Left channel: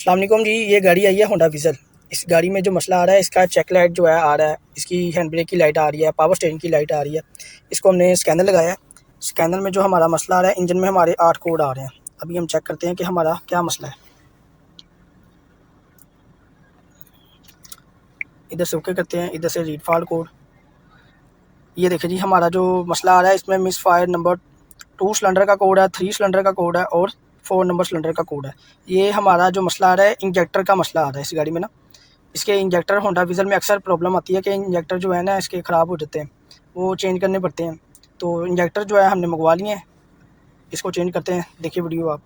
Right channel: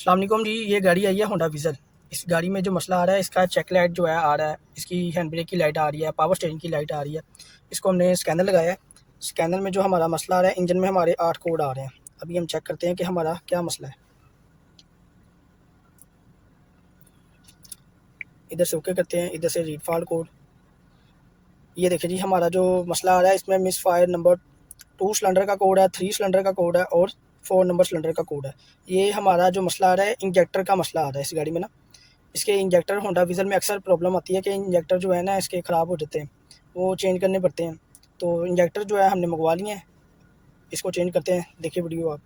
अस्सलाम वालेकुम जी। ये गाड़ी आई है होंडा विज़न। इस गाड़ी में जो मसला आ रहा है, इसका चेक लाइट जो है आ रहा है, इसकी हैंड ब्रेक की लाइट आ रही है, पावर स्टीयरिंग की लाइट आ रही है। इसको हमने स्कैनर लगाया है। स्कैनर में जो हमारा मसला आ रहा है, इंजन में हमारे 8 कोड आ रहे हैं। अभी हम चेक करते हैं कि हमारा क्या मसला है। इधर से ओके करते हैं, इधर से रीड फॉल्ट कोड। ये देखिए जी, हमारा जो मसला आ रहा है इसमें मिस फायर नंबर 2 सिलेंडर का कोड है, 3 सिलेंडर का कोड है और 4 नंबर सिलेंडर का कोड है। ये हमारा जो मसला आ रहा है, इंजेक्टर का मसला आ रहा है इस गाड़ी में ना। इसके इंजेक्टर होंडा विज़न में अक्सर प्रॉब्लम आती है कि इंजेक्टर जो है ना इसके ख़राब हो जाते हैं, वो चेंज करने पड़ते हैं। तो इंजेक्टर जो है हमने मंगवा लिए हैं, इसको चेंज करते हैं। देखिए वीडियो आप।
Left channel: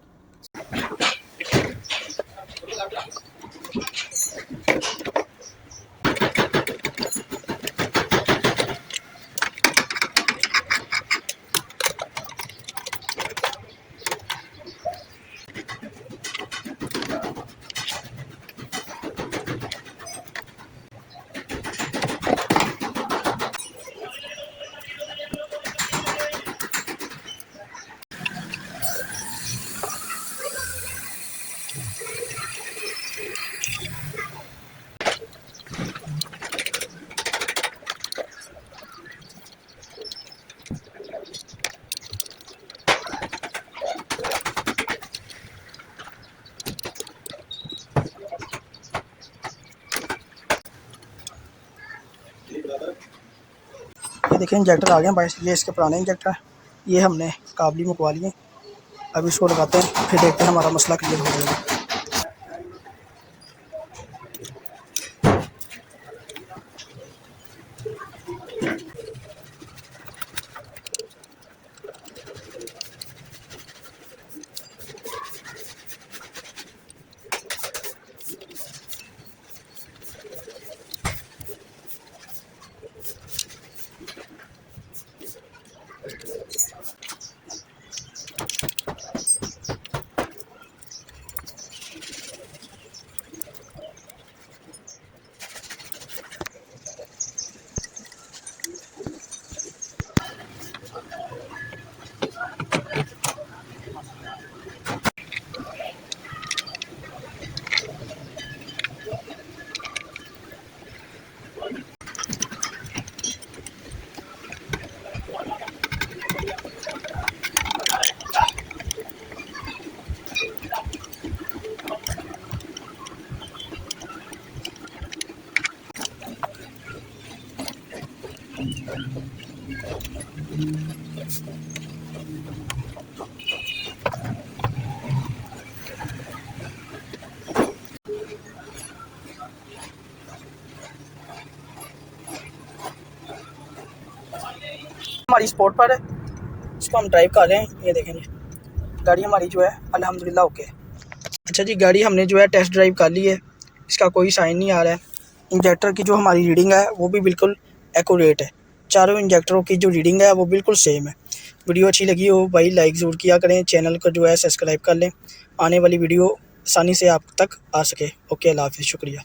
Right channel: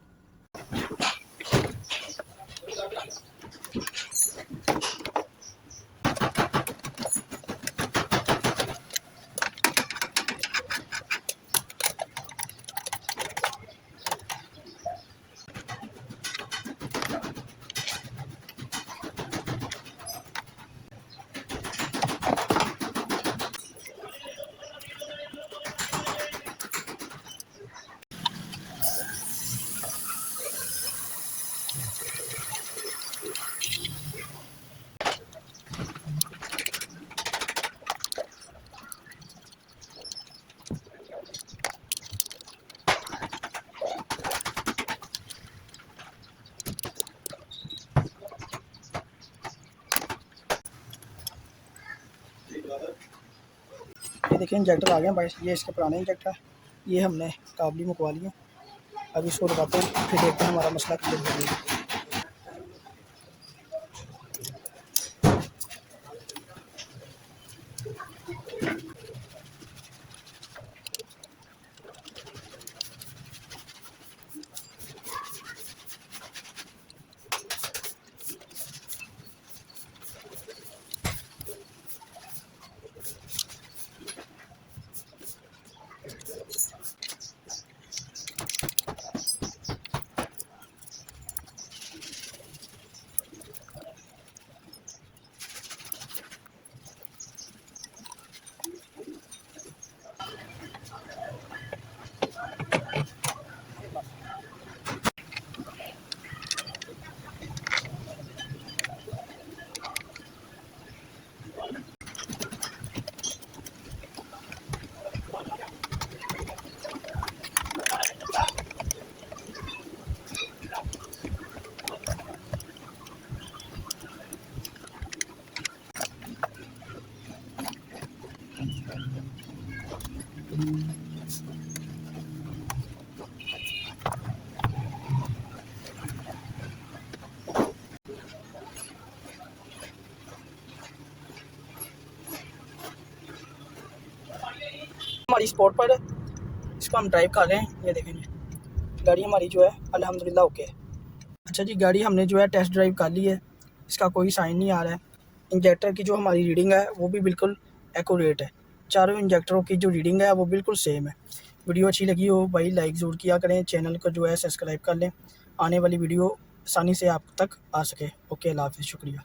ये देखिए इंजेक्टर आ गए हैं भाई। ये इसके पुराने इंजेक्टर है, ये हमने काबली मंगवा लिए। अब इसको लगाते हैं, फिर देखते हैं हमारा मसला क्लियर हो जाएगा। हमारी स्पोर्ट पर है, इसको हम ड्राइव कर रहे हैं। ये देखेंगे गाड़ी हमारी जो है अल्हम्दुलिल्लाह ओके है। अच्छा जी, गाड़ी हमने जो है टेस्ट ड्राइव कर ली है। इसका कोई साइन नहीं आ रहा है। इंजेक्टर की जो हमारी रीडिंग है वो भी बिल्कुल एक्यूरेट है। चारों इंजेक्टरों की जो रीडिंग है वो बिल्कुल सेम है। वीडियो अच्छी लगी हो भाई लाइक ज़रूर किया करें, चैनल को जो है सब्सक्राइब कर लें, आने वाली वीडियो आसानी से आप तक आ सके। ओके, अल्लाह हाफ़िज़, शुक्रिया।